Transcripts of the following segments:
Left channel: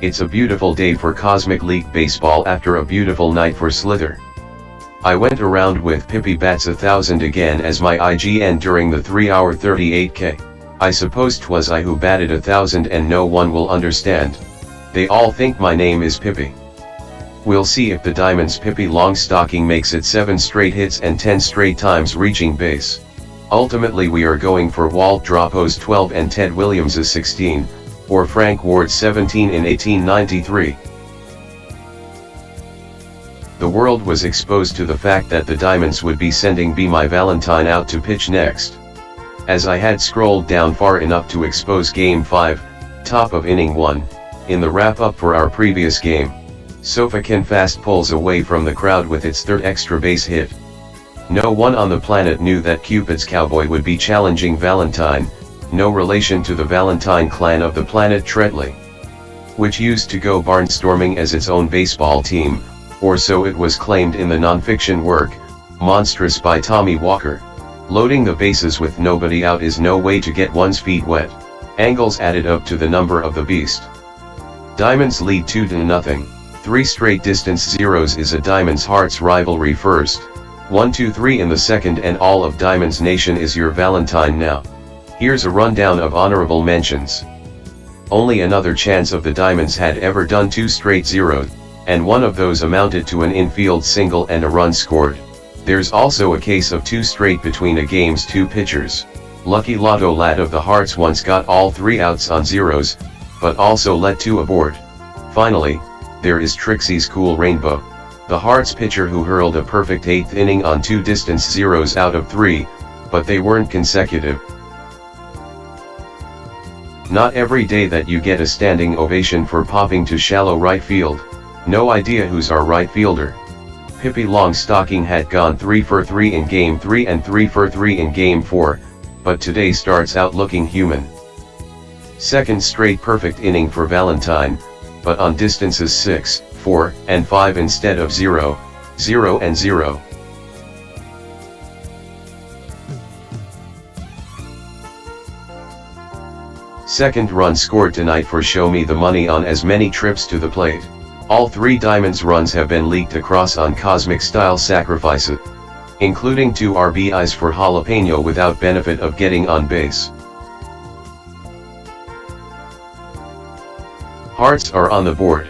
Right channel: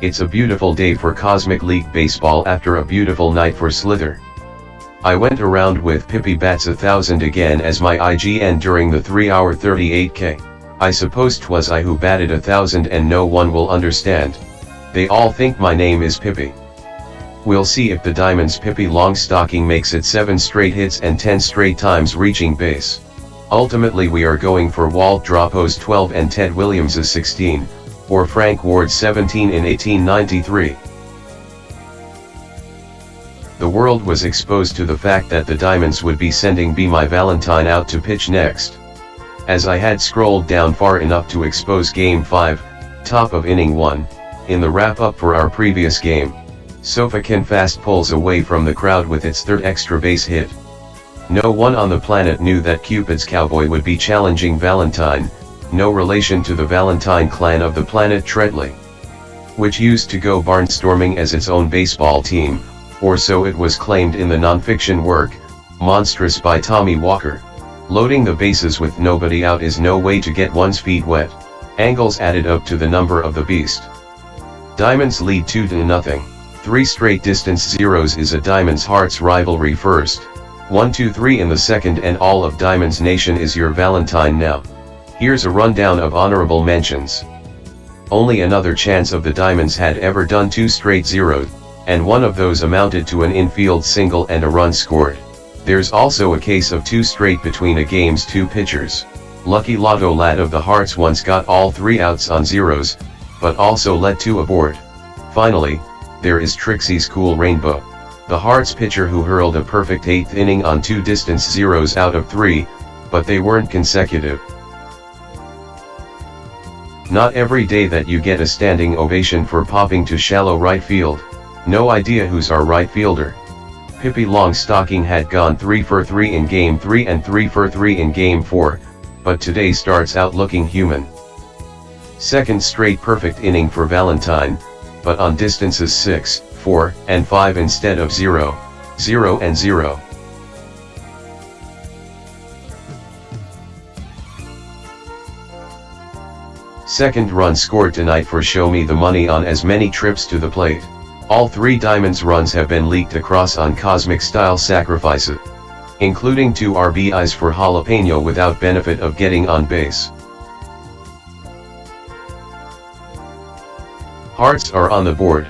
It's a beautiful day for Cosmic League Baseball after a beautiful night for Slither. I went around with Pippi Bats 1000 again as my IGN during the 3-hour 38K. I suppose 'twas I who batted 1000 and no one will understand. They all think my name is Pippi. We'll see if the Diamond's Pippi Longstocking makes it 7 straight hits and 10 straight times reaching base. Ultimately we are going for Walt Dropo's 12 and Ted Williams' 16, or Frank Ward's 17 in 1893. The world was exposed to the fact that the Diamonds would be sending Be My Valentine out to pitch next. As I had scrolled down far enough to expose Game 5, top of inning 1, in the wrap-up for our previous game, Sofakin fast pulls away from the crowd with its third extra base hit. No one on the planet knew that Cupid's Cowboy would be challenging Valentine, no relation to the Valentine clan of the planet Tretley, which used to go barnstorming as its own baseball team, or so it was claimed in the non-fiction work, Monstrous by Tommy Walker. Loading the bases with nobody out is no way to get one's feet wet. Angles added up to the number of the beast. Diamonds lead 2-0. 3 straight distance zeros is a Diamond's Hearts rivalry first. 1-2-3 in the second, and all of Diamond's Nation is your Valentine now. Here's a rundown of honorable mentions. Only another chance of the Diamonds had ever done 2 straight zeros, and one of those amounted to an infield single and a run scored. There's also a case of 2 straight between a game's 2 pitchers. Lucky Lotto Lad of the Hearts once got all 3 outs on zeros, but also let 2 aboard. Finally, there is Trixie's Cool Rainbow, the Hearts pitcher who hurled a perfect 8th inning on 2 distance zeros out of 3, but they weren't consecutive. Not every day that you get a standing ovation for popping to shallow right field. No idea who's our right fielder. Pippi Longstocking had gone 3 for 3 in Game 3 and 3 for 3 in Game 4, but today starts out looking human. Second straight perfect inning for Valentine, but on distances 6, 4, and 5 instead of 0, 0 and 0. Second run scored tonight for Show Me the Money on as many trips to the plate. All 3 Diamonds runs have been leaked across on Cosmic-style sacrifices, including 2 RBIs for Jalapeno without benefit of getting on base. Hearts are on the board.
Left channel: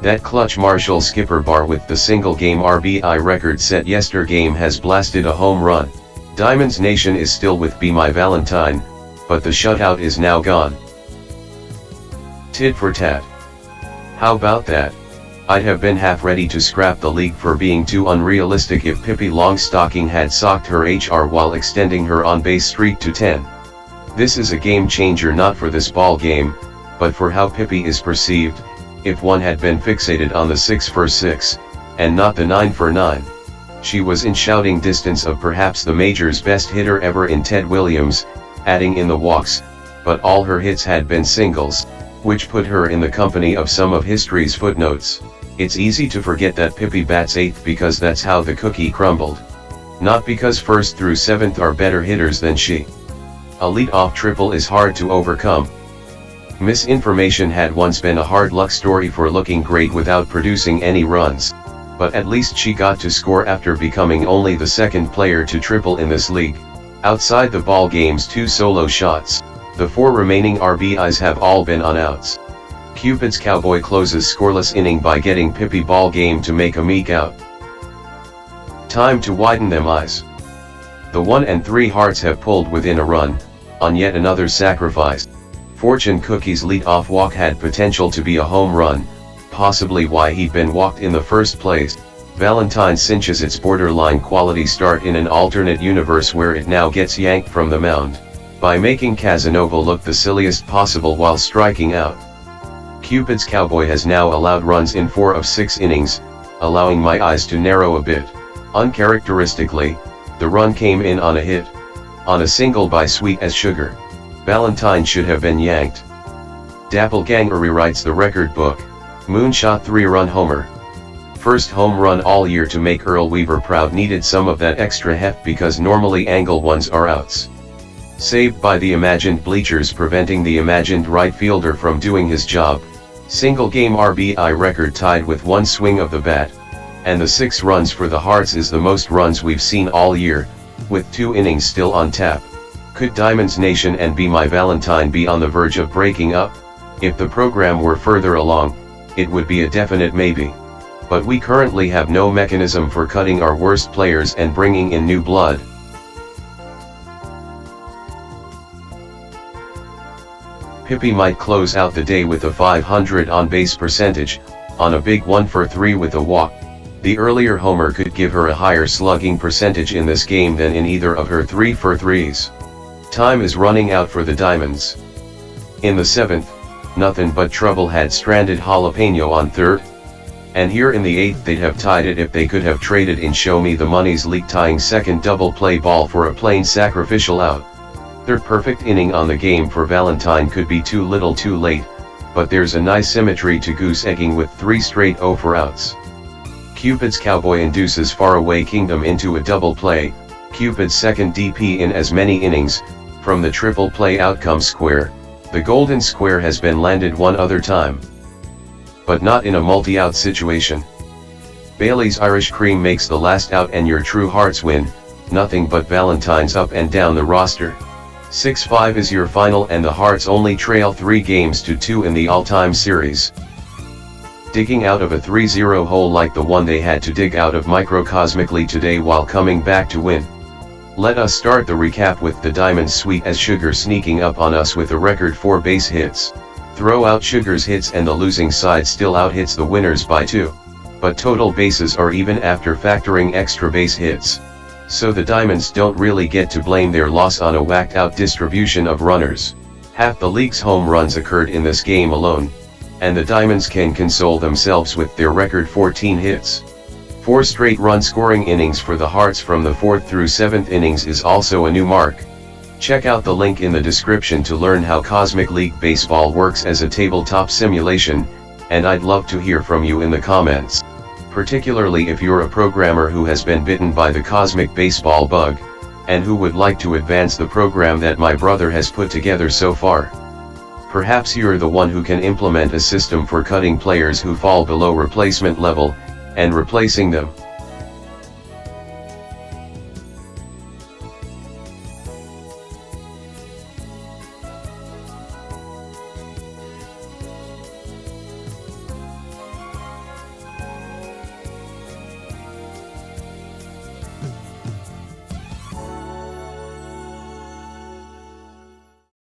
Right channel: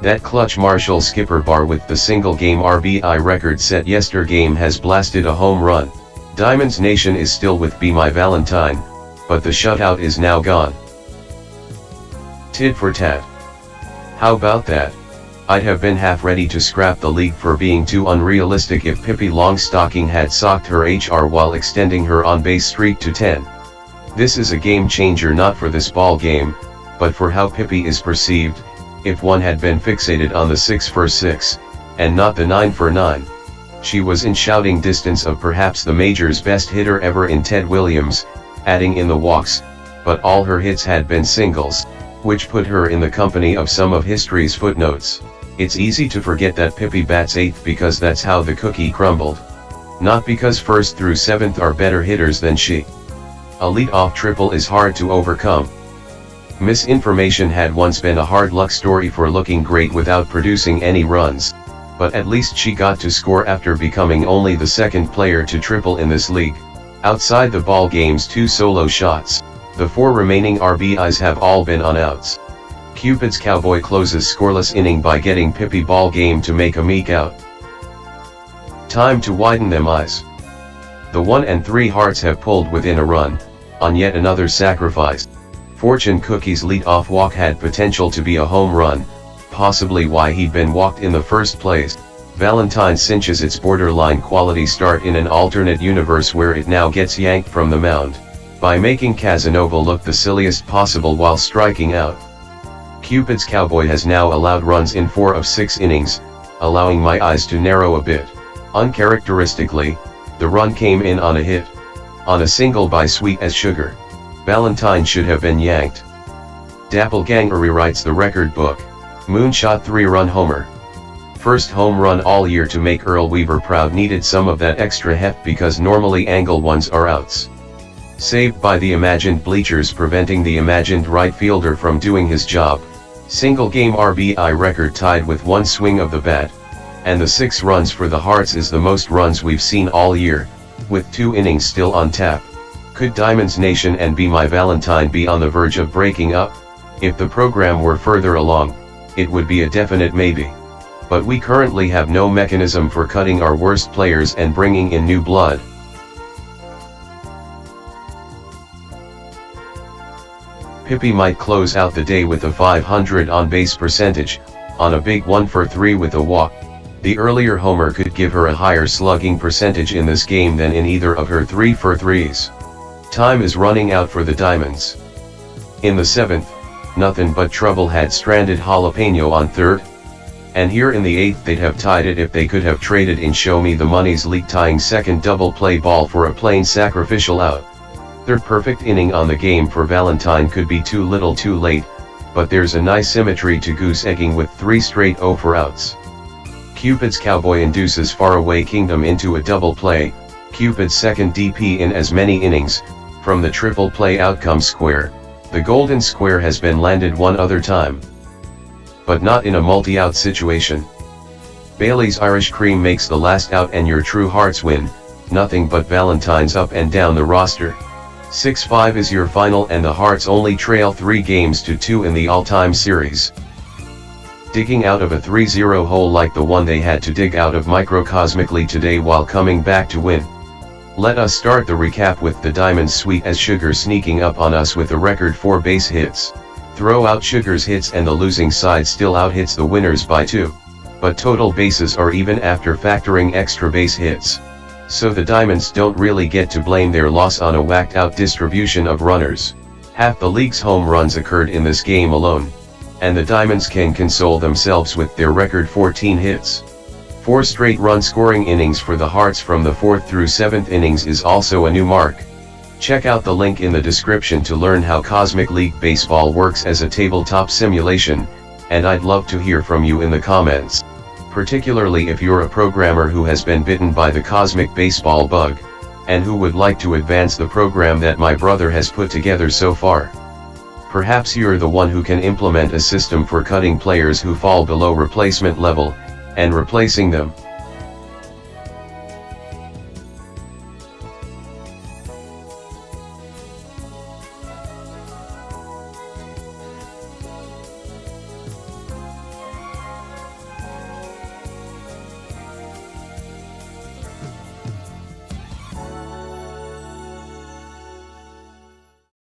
That clutch Marshall skipper bar with the single-game RBI record set yesterday has blasted a home run. Diamonds Nation is still with Be My Valentine, but the shutout is now gone. Tit for tat. How about that? I'd have been half ready to scrap the league for being too unrealistic if Pippi Longstocking had socked her HR while extending her on-base streak to 10. This is a game changer not for this ball game, but for how Pippi is perceived. If one had been fixated on the 6 for 6, and not the 9 for 9. She was in shouting distance of perhaps the major's best hitter ever in Ted Williams, adding in the walks, but all her hits had been singles, which put her in the company of some of history's footnotes. It's easy to forget that Pippi bats 8th because that's how the cookie crumbled. Not because 1st through 7th are better hitters than she. A lead-off triple is hard to overcome. Misinformation had once been a hard luck story for looking great without producing any runs, but at least she got to score after becoming only the 2nd player to triple in this league. Outside the ball game's 2 solo shots, the 4 remaining RBIs have all been on outs. Cupid's Cowboy closes scoreless inning by getting Pippi ball game to make a meek out. Time to widen them eyes. The 1 and 3 Hearts have pulled within a run, on yet another sacrifice. Fortune Cookie's lead-off walk had potential to be a home run, possibly why he'd been walked in the first place. Valentine cinches its borderline quality start in an alternate universe where it now gets yanked from the mound, by making Casanova look the silliest possible while striking out. Cupid's Cowboy has now allowed runs in 4 of 6 innings, allowing my eyes to narrow a bit. Uncharacteristically, the run came in on a hit. On a single by Sweet as Sugar. Valentine should have been yanked. Dappleganger rewrites the record book. Moonshot 3-run homer. First home run all year to make Earl Weaver proud needed some of that extra heft because normally angle ones are outs. Saved by the imagined bleachers preventing the imagined right fielder from doing his job. Single game RBI record tied with one swing of the bat, and the 6 runs for the Hearts is the most runs we've seen all year, with 2 innings still on tap. Could Diamonds Nation and Be My Valentine be on the verge of breaking up? If the program were further along, it would be a definite maybe. But we currently have no mechanism for cutting our worst players and bringing in new blood. Pippi might close out the day with a .500 on-base percentage, on a big 1-for-3 with a walk. The earlier homer could give her a higher slugging percentage in this game than in either of her 3-for-3s. Time is running out for the Diamonds. In the 7th, nothing but trouble had stranded Jalapeno on 3rd. And here in the 8th they'd have tied it if they could have traded in Show Me the Money's league-tying second double play ball for a plain sacrificial out. 3rd perfect inning on the game for Valentine could be too little too late, but there's a nice symmetry to goose-egging with 3 straight 0 for outs. Cupid's Cowboy induces Faraway Kingdom into a double play, Cupid's second DP in as many innings. From the triple play outcome square, the golden square has been landed one other time. But not in a multi-out situation. Bailey's Irish Cream makes the last out and your true Hearts win, nothing but Valentines up and down the roster. 6-5 is your final and the Hearts only trail 3 games to 2 in the all-time series. Digging out of a 3-0 hole like the one they had to dig out of microcosmically today while coming back to win. Let us start the recap with the Diamonds sweet as sugar sneaking up on us with a record 4 base hits. Throw out Sugar's hits and the losing side still out-hits the winners by 2. But total bases are even after factoring extra base hits. So the Diamonds don't really get to blame their loss on a whacked-out distribution of runners. Half the league's home runs occurred in this game alone, and the Diamonds can console themselves with their record 14 hits. 4 straight run-scoring innings for the Hearts from the 4th through 7th innings is also a new mark. Check out the link in the description to learn how Cosmic League Baseball works as a tabletop simulation, and I'd love to hear from you in the comments. Particularly if you're a programmer who has been bitten by the Cosmic Baseball bug, and who would like to advance the program that my brother has put together so far. Perhaps you're the one who can implement a system for cutting players who fall below replacement level, and replacing them.